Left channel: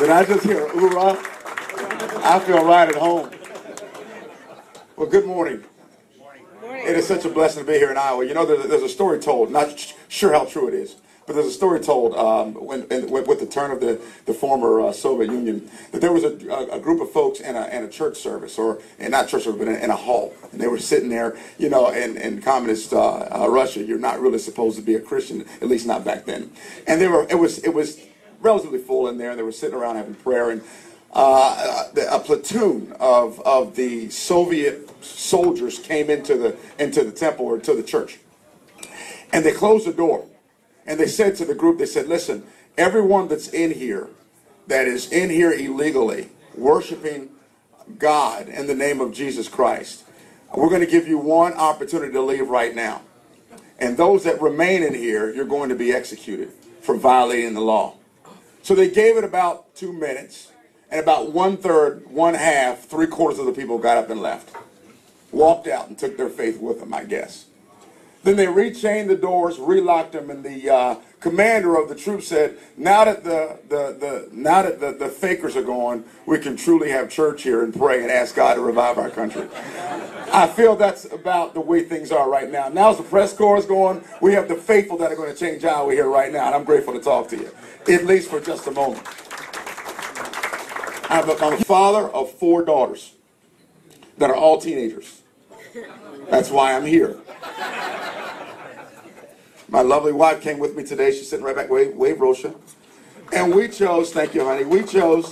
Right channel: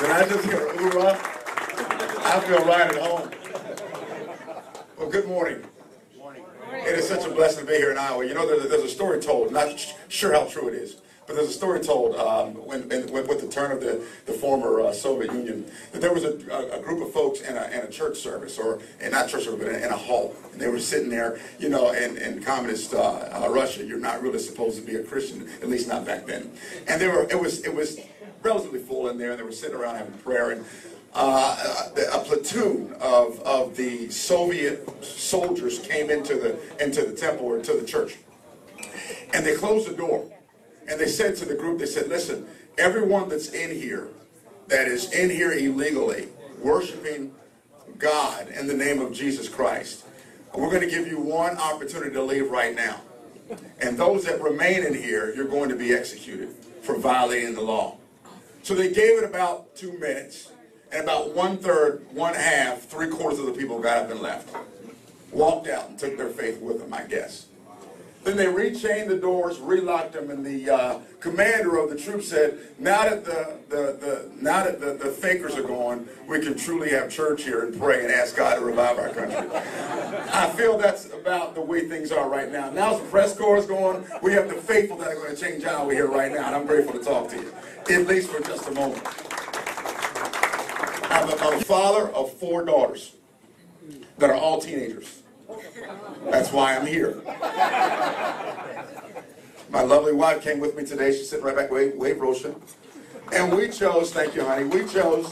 Did I just hear a hoorah? I feel right at home. Well, good morning. It is such a blessing to be here in Iowa. You know, there's a story told, not sure how true it is, but there's a story told with the turn of the former Soviet Union, that there was a group of folks in a church service, and not church service, but in a hall. And they were sitting there, you know, in communist Russia, you're not really supposed to be a Christian, at least not back then. And it was relatively full in there. They were sitting around having prayer, and a platoon of the Soviet soldiers came into the temple or to the church, and they closed the door, and they said to the group, they said, listen, everyone that's in here, that is in here illegally, worshiping God in the name of Jesus Christ, we're going to give you one opportunity to leave right now. And those that remain in here, you're going to be executed for violating the law. So they gave it about 2 minutes. And about 1/3, 1/2, 3/4 of the people got up and left. Walked out and took their faith with them, I guess. Then they rechained the doors, relocked them, and the commander of the troops said, now that the fakers are gone, we can truly have church here and pray and ask God to revive our country. I feel that's about the way things are right now. Now's the press corps is going. We have the faithful that are going to change Iowa here right now, and I'm grateful to talk to you, at least for just a moment. I'm a father of 4 daughters that are all teenagers. That's why I'm here. My lovely wife came with me today. She's sitting right back. Wave, Rosha. And we chose, thank you, honey. We chose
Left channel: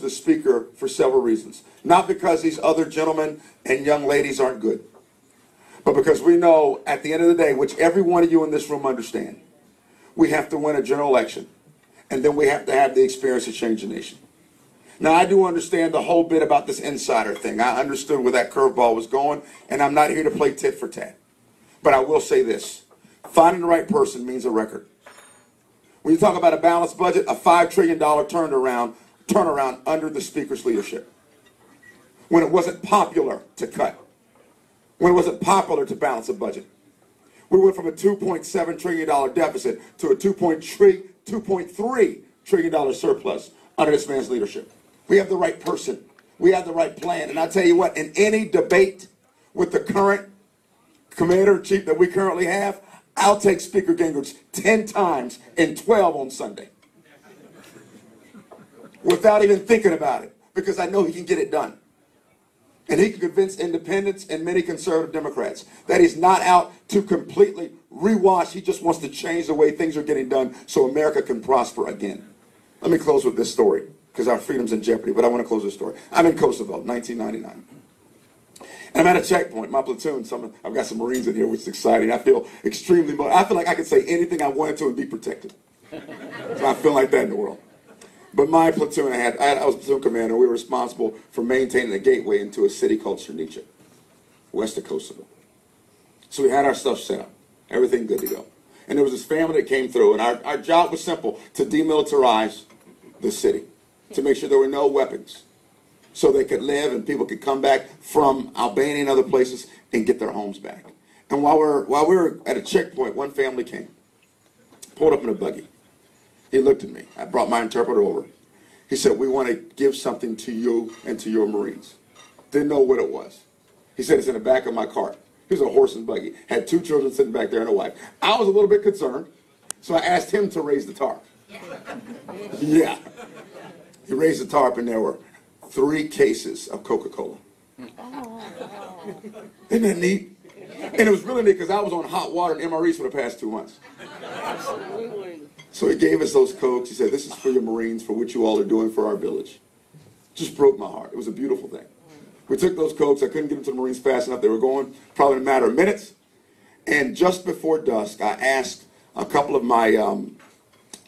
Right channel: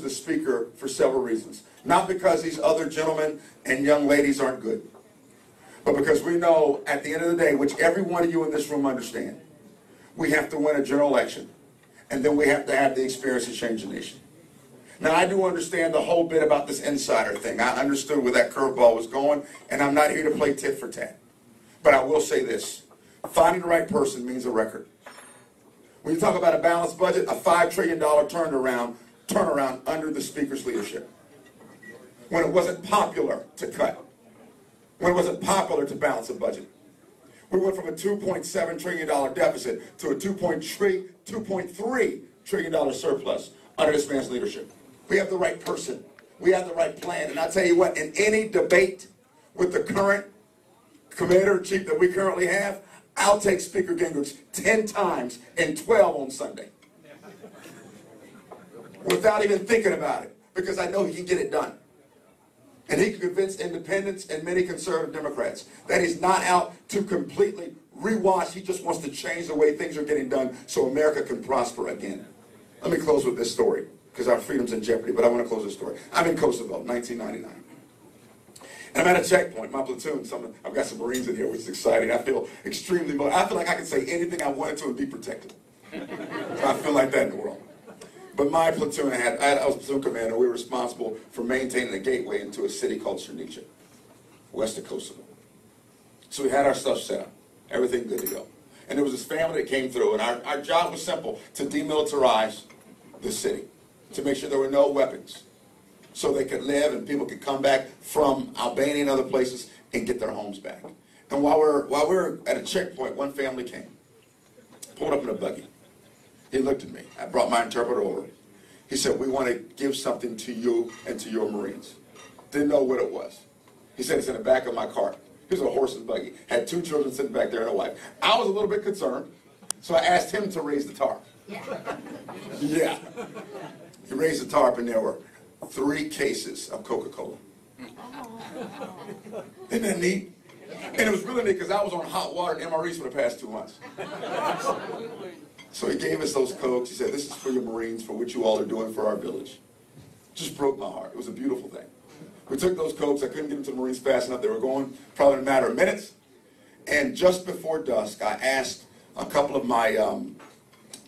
the speaker for several reasons. Not because these other gentlemen and young ladies aren't good, but because we know at the end of the day, which every one of you in this room understand, we have to win a general election. And then we have to have the experience to change the nation. Now, I do understand the whole bit about this insider thing. I understood where that curveball was going, and I'm not here to play tit for tat. But I will say this. Finding the right person means a record. When you talk about a balanced budget, a $5 trillion turnaround under the Speaker's leadership. When it wasn't popular to cut. When it wasn't popular to balance a budget. We went from a $2.7 trillion deficit to a $2.3 trillion surplus under this man's leadership. We have the right person. We have the right plan. And I tell you what, in any debate with the current commander-in-chief that we currently have, I'll take Speaker Gingrich 10 times and 12 on Sunday. Without even thinking about it, because I know he can get it done. And he can convince independents and many conservative Democrats that he's not out to completely rewash. He just wants to change the way things are getting done so America can prosper again. Let me close with this story, because our freedom's in jeopardy, but I want to close this story. I'm in Kosovo, 1999. And I'm at a checkpoint, my platoon. I've got some Marines in here, which is exciting. I feel extremely motivated. I feel like I could say anything I wanted to and be protected. I feel like that in the world. But my platoon, I was platoon commander. We were responsible for maintaining a gateway into a city called Srnica, west of Kosovo. So we had our stuff set up, everything good to go. And there was this family that came through, and our job was simple, to demilitarize the city, to make sure there were no weapons, so they could live and people could come back from Albania and other places and get their homes back. And while we were at a checkpoint, one family came, pulled up in a buggy. He looked at me. I brought my interpreter over. He said, we want to give something to you and to your Marines. Didn't know what it was. He said, it's in the back of my cart. Here's a horse and buggy. Had 2 children sitting back there and a wife. I was a little bit concerned, so I asked him to raise the tarp. Yeah. He raised the tarp, and there were 3 cases of Coca-Cola. Isn't that neat? And it was really neat because I was on hot water and MREs for the past 2 months. So he gave us those Cokes. He said, this is for your Marines, for what you all are doing for our village. Just broke my heart. It was a beautiful thing. We took those Cokes. I couldn't get them to the Marines fast enough. They were going probably in a matter of minutes. And just before dusk, I asked a couple of my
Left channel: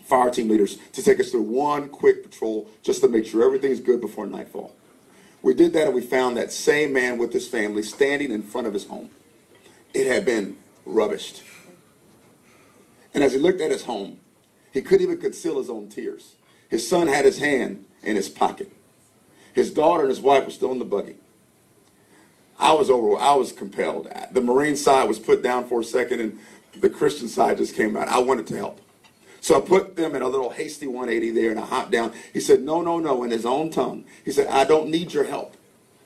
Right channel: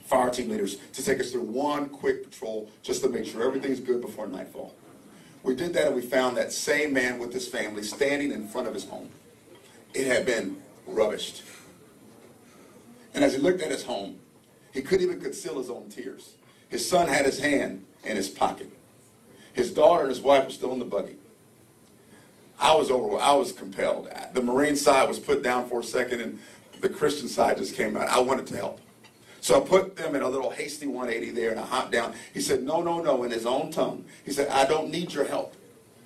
fire team leaders to take us through one quick patrol just to make sure everything's good before nightfall. We did that, and we found that same man with his family standing in front of his home. It had been rubbished. And as he looked at his home, he couldn't even conceal his own tears. His son had his hand in his pocket. His daughter and his wife were still in the buggy. I was compelled. The Marine side was put down for a second, and the Christian side just came out. I wanted to help. So I put them in a little hasty 180 there, and I hopped down. He said, no, no, no, in his own tongue. He said, I don't need your help.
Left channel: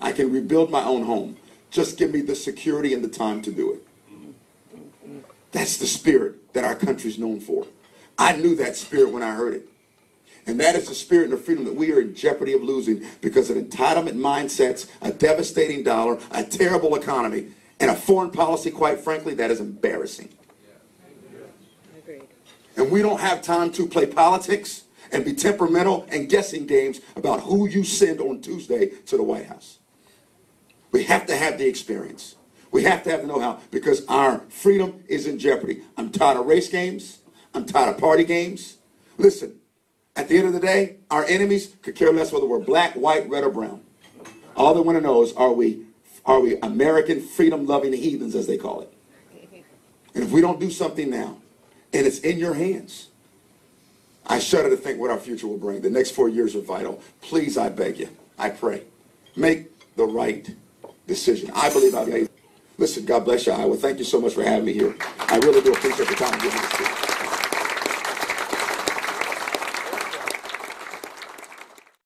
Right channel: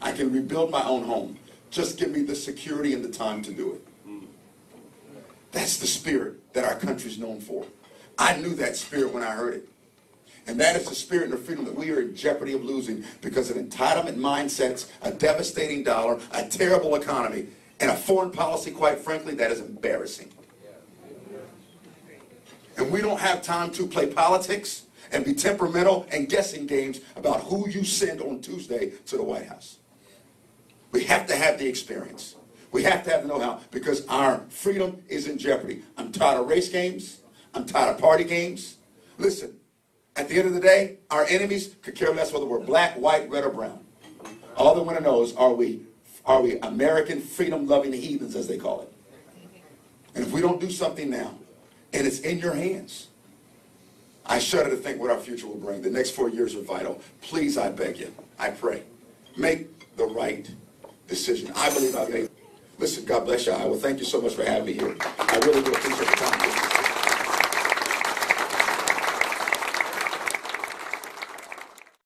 I can rebuild my own home. Just give me the security and the time to do it. That's the spirit that our country's known for. I knew that spirit when I heard it. And that is the spirit and the freedom that we are in jeopardy of losing because of entitlement mindsets, a devastating dollar, a terrible economy, and a foreign policy, quite frankly, that is embarrassing. And we don't have time to play politics and be temperamental and guessing games about who you send on Tuesday to the White House. We have to have the experience. We have to have the know-how because our freedom is in jeopardy. I'm tired of race games. I'm tired of party games. Listen, at the end of the day, our enemies could care less whether we're black, white, red, or brown. All they want to know is, are we American freedom-loving heathens, as they call it? And if we don't do something now, and it's in your hands, I shudder to think what our future will bring. The next 4 years are vital. Please, I beg you, I pray, make the right decision. I believe I've made. Listen, God bless you, Iowa. Thank you so much for having me here. I really do appreciate the time.